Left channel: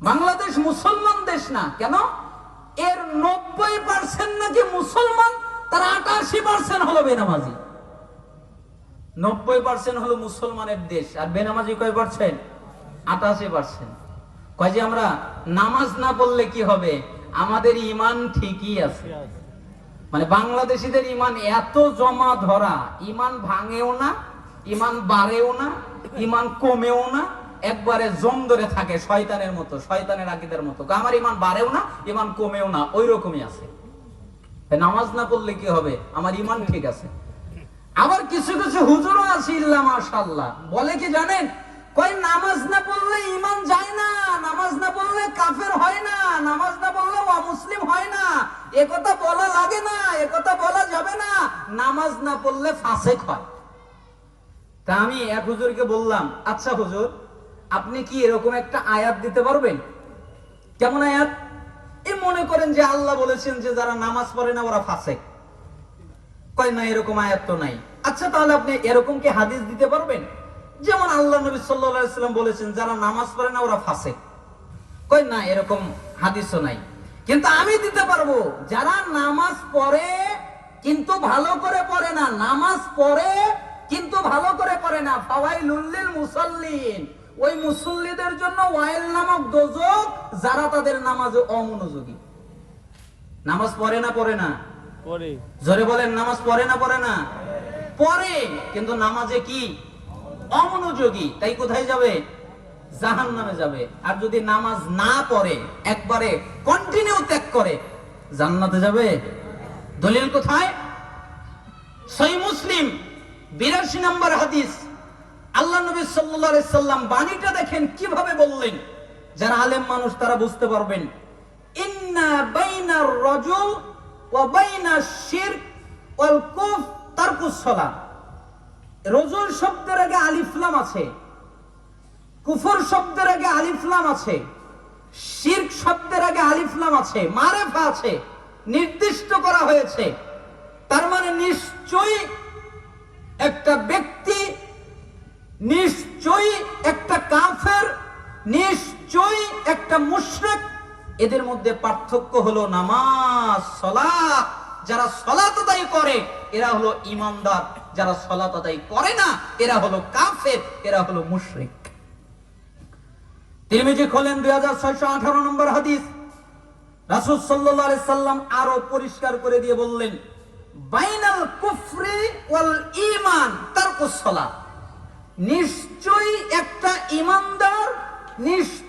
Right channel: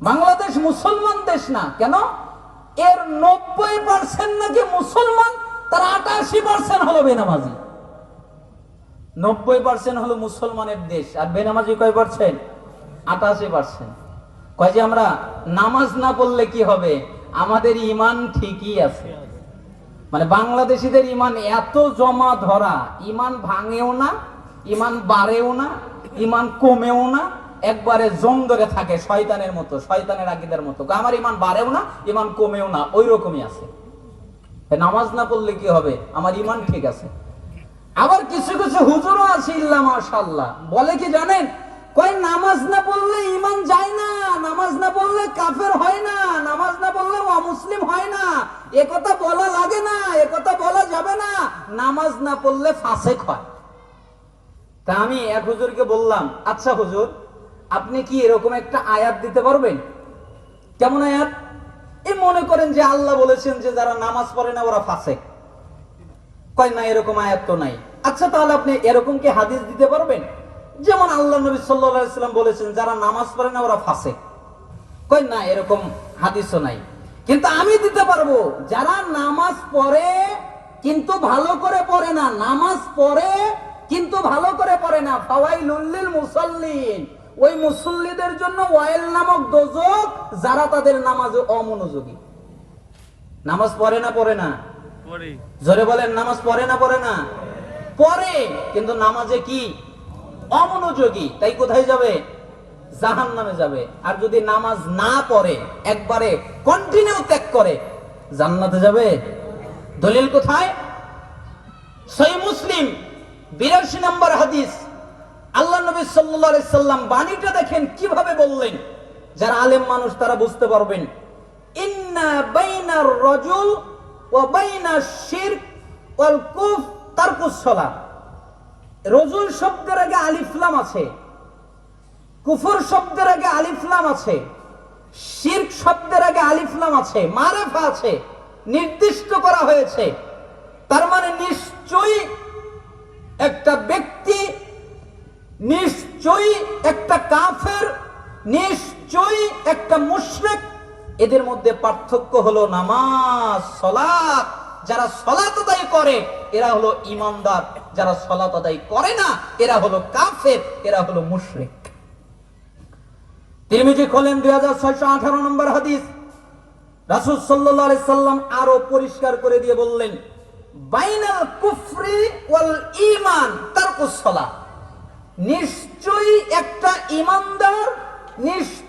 বাংলাদেশ মুসলমান দেশ না কেন? এর 90% নাকি মুসলমান, তার 88% হলো বেনামাজি। 90% হলো মুসলমানের দেশ, আর বেনামাজি কয় পার্সেন্ট? 88%। কয় যে আমরা নামাজ না পড়লে কি হবে? আমাদের ঈমান ঠিকই আছে। মানে বাংলাদেশীদের ঈমান এত জমা ধরা, ঈমান ভাঙেও না, ঈমান বাড়েও না, ঈমান কমেও না, একবারে জং ধরে থাকে শয়তানের মতো, শয়তানের আকীদার মতো। আমার ঈমান বাড়েও না, ঈমান কমেও না, ওই রকমই আছে। নামাজ না পড়লে কি হবে? আমার ঈমান ঠিক আছে। আবার কিছু কিছু হুজুরও আছে ইল্লা মাশাআল্লাহ, বলে কি জানেন? কই নামাজ না পড়লে ঈমান যায় না, নামাজ না পড়লে কাফের হয় না, নামাজ না পড়লে অমুসলিম হয় না। এ কথা বলা লাগে না, এ কথা বলা যাবে না, নামাজ না পড়লে ফাসেক হয়। তা আমি এক হুজুরকে বললাম, আচ্ছা হুজুর, আপনি কি এরকম একটা আয়াত দিতে পারবেন? কেমন আয়াত? এই মনে করেন যে আল্লাহ বলেছেন যে যারা নামাজ পড়ে না ওরা ফাসেক। কয় না, এরকম আয়াত তো নাই। আচ্ছা তাহলে আপনি এরকম কি হাদিস দিতে পারবেন? যেমন আল্লাহ নবী সাল্লাল্লাহু আলাইহি ওয়াসাল্লাম বলেছেন যারা নামাজ পড়ে না ওরা ফাসেক। কয় না, এরকম হাদিসও নাই। কিন্তু আমি দিতে পারবো যারা নামাজ পড়ে কিন্তু ভালো করে পড়ে না, নামাজ পড়ে কিন্তু ভালো করে পড়ে না, ফাওয়াইলুল লিল মুসাল্লিন, ওই মুসল্লিদের জন্য ওয়াইল নামক দোজখ, যারা তাদের নামাজে অমনোযোগী। নামাজ পড়ে না পড়ে না? পড়ে। জোরে বলেন, নামাজ পড়ে না পড়ে না? পড়ে, কিন্তু নামাজে কি? অমনোযোগী। তাই কোথায় যাবে? জাহান্নামে যাবে। আর যদি নামাজ না পড়ে, একবারে কন্টিনিউ ত্যাগ করে, জান্নাতে যাবে। দলিল কোথায়? সহিহ মুসলিম 82 নম্বর হাদিস। আল্লাহ নবী সাল্লাল্লাহু আলাইহি সাল্লাম বাণীটা দেখেন কিভাবে বললেন, যারা আলেম মানুষ তারা বুঝতে পারবেন। ইন্না বাইনার রাজুল ওয়া বাইনাশ শিরক ওয়াল কুফর তারকুস সালাহ। রজুল শব্দের আগে আলিফ লাম আছে, কুফর শব্দের আগে আলিফ লাম আছে, শিরক শব্দের আগে আলিফ লাম আছে, মারেফা আছে, নির্দিষ্ট করা হয়েছে। তার মানে নিশ্চয়ই একটা ব্যক্তি, নিশ্চয়ই একটা কাফের, নিশ্চয়ই একটা মুশরিক। এদের মধ্যে পার্থক্য হলো নামাজ, সালাত। যারা সালাত আদায় করে এরা হলো ঈমানদার, যারা সালাত আদায় করে না এরা হলো কাফের, এরা হলো মুশরিক। তিরমিজি খোলেন 2618 নম্বর হাদিস। রাসূল সাল্লাল্লাহু আলাইহি সাল্লাম আরো পরিষ্কার করে দিয়ে বললেন, বাইনাল কুফরি ওয়াল ঈমান তারকুস সালাহ। নিশ্চয়ই একটা ঈমানদার, নিশ্চয়ই